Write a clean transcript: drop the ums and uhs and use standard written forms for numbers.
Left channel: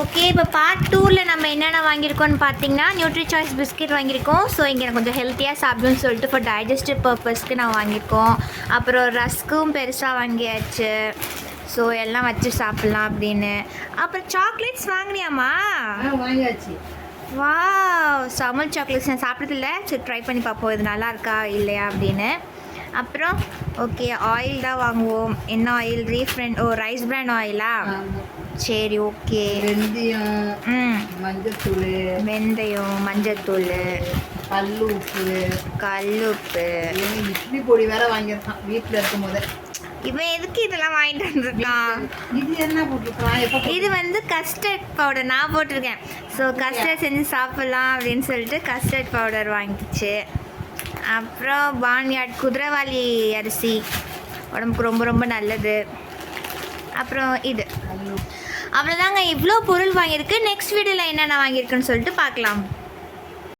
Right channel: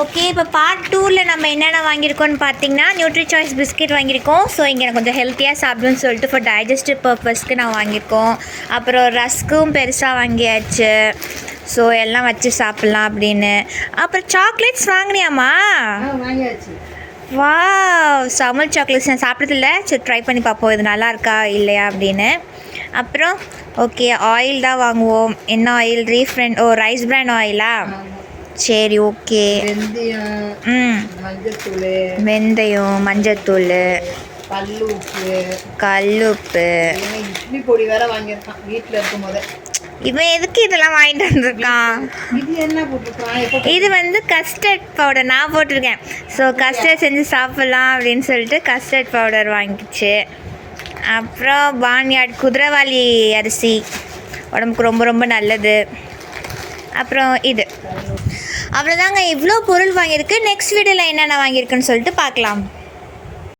Okay, இப்போ part 2ல் நம்ம என்னென்ன வாங்கியிருக்கோம்னு பார்த்தீங்கன்னா நியூட்ரி சாய்ஸ் பிஸ்கெட் வாங்கியிருக்கோம். ஸோ இங்கே எனக்கு கொஞ்சம் ஹெல்த்தியாக சாப்பிடுன்னு சொல்லிட்டு ஃபார் டைஜஸ்டிவ் பர்பஸ்க்கு நான் வாங்கியிருக்கோம். அப்புறம் ரஸ்க்கும் பெருசாக வாங்கியாச்சு. ஸோ எல்லாம் வச்சு சாப்பிட்லாம் அப்படின்னு. அப்புறம் சாக்லேட்ஸ் வாங்கினியாம்மா? வாங்கியாச்சு. வா, சமல் சாக்லேட்ஸ் நான் சாப்பிட்டதில்ல. சரி, ட்ரை பண்ணி பார்ப்போம் இது நல்லா இருக்கா இல்லையா அப்படின்னு. அப்புறம் ஓகே, ஆயில் தான் வாங்குவோம். என்ன ஆயில்? Rice brand ஆயிலா? சரி, ஓகே. வெந்தயம், மஞ்சத்தூள், கல்லுப்பு, இட்லி பொடி வேற வாங்கியிருக்கான் வீட்டில் இருக்கும் போதே. இவன் எதுக்கு இதெல்லாம் வாங்கிட்டு வந்திருக்கான்? இது என்ன போட்டிருக்கான்? இது வந்து கஸ்டர்ட் பவுடர் நான் போட்டிருக்கேன். ஸோ கஸ்டர்ட் செஞ்சு சாப்பிட்லாம் அப்படின்னு சொல்லிட்டு கஸ்டர்ட் பவுடர் வாங்கிச்சு. அப்புறம் பான்யார்ட் குதிரைவாலி அரிசி உடம்புக்கு ரொம்ப ரொம்ப நல்லது. அப்புறம் இது அவ்வளோதாங்க. இவ்வளோ பொருள் வாங்கியிருக்கு. நெக்ஸ்ட் வீடியோவில் என்னென்ன வாங்கியிருக்குன்னு சொல்லிட்டு பார்க்கலாம்.